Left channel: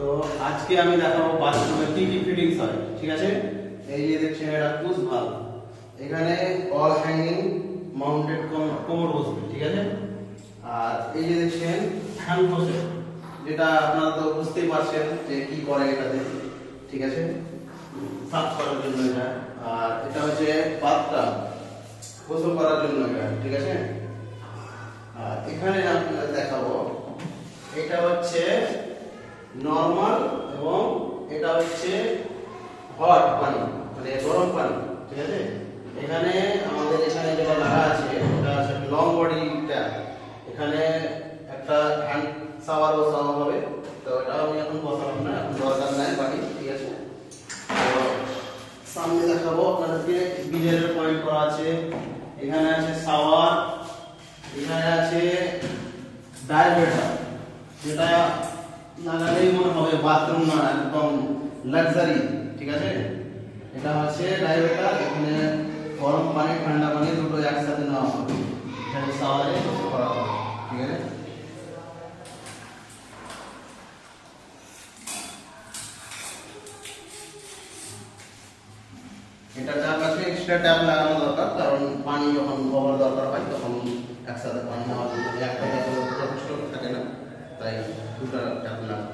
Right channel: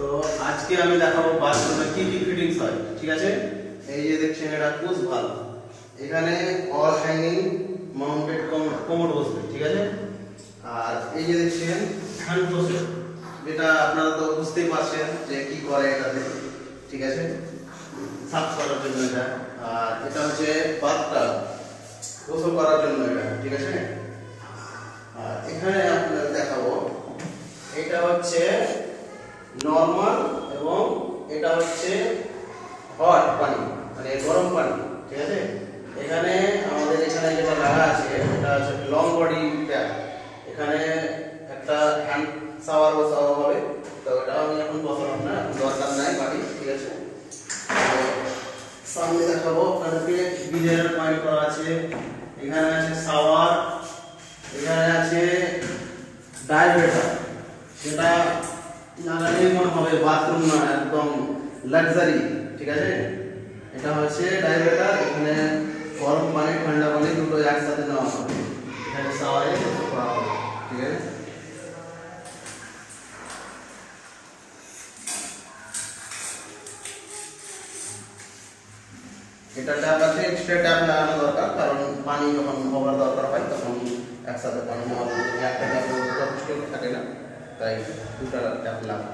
তো আজকে আমি দেখাবো বাথরুমে কি কি ফিটিংস হয়, ঠিক আছে। এই যে দেখছেন এটা পুশ ভালভ, এখানে অল হ্যাঙ্গিং মাউন্টেড কোমর বসবে, ঠিক আছে। আর এই যে দেখছেন হ্যান্ড ফসেট, যেটা আপনারা তো বুঝতেই পারছেন যে কি করে এটাতে, ঠিক আছে, সাফ করার জন্য এটা। আর এটা হচ্ছে বাথটা গোসল করার জন্য এটা, ঠিক আছে। আর এখানে আপনাদের দেখাবো এটা হচ্ছে নরমাল এবং এটা হচ্ছে হট পানি, মানে গরম পানি, ঠিক আছে। এখানে আমাদের এখানে যেটা লাগা আছে এটা হচ্ছে লং বডি ট্যাপ, এখানে একটা হ্যান্ড শাওয়ার বসানো হবে। তো এটা আমি এখন বসালাম না, এখন দরকার নাই পানি, ঠিক আছে। সামনে দেখাবো আপনাদেরকে গিজারের পয়েন্ট করা আছে, এখানে আছে শাওয়ার, এখানে আছে ডাইভেটার, যেটা লাগালেই মনে হবে বাথরুম না, একদম লাক্সারি, ঠিক আছে। এটা হচ্ছে ডাইভেটার, এখানে গরম পানি ঠান্ডা পানি দুটো একসাথে নেওয়া হবে, এখানে শাওয়ারে করা হবে, ঠিক আছে। এটা ট্যাপ আছে, এক্সট্রা ট্যাপ লাগানো দরকার, কারণ পানি যখন ওভার দরকার হয় তখন একসাথে পানি নেওয়া, একটা ট্যাপে যথেষ্ট থাকে না, তাই দুটো ট্যাপ লাগানো।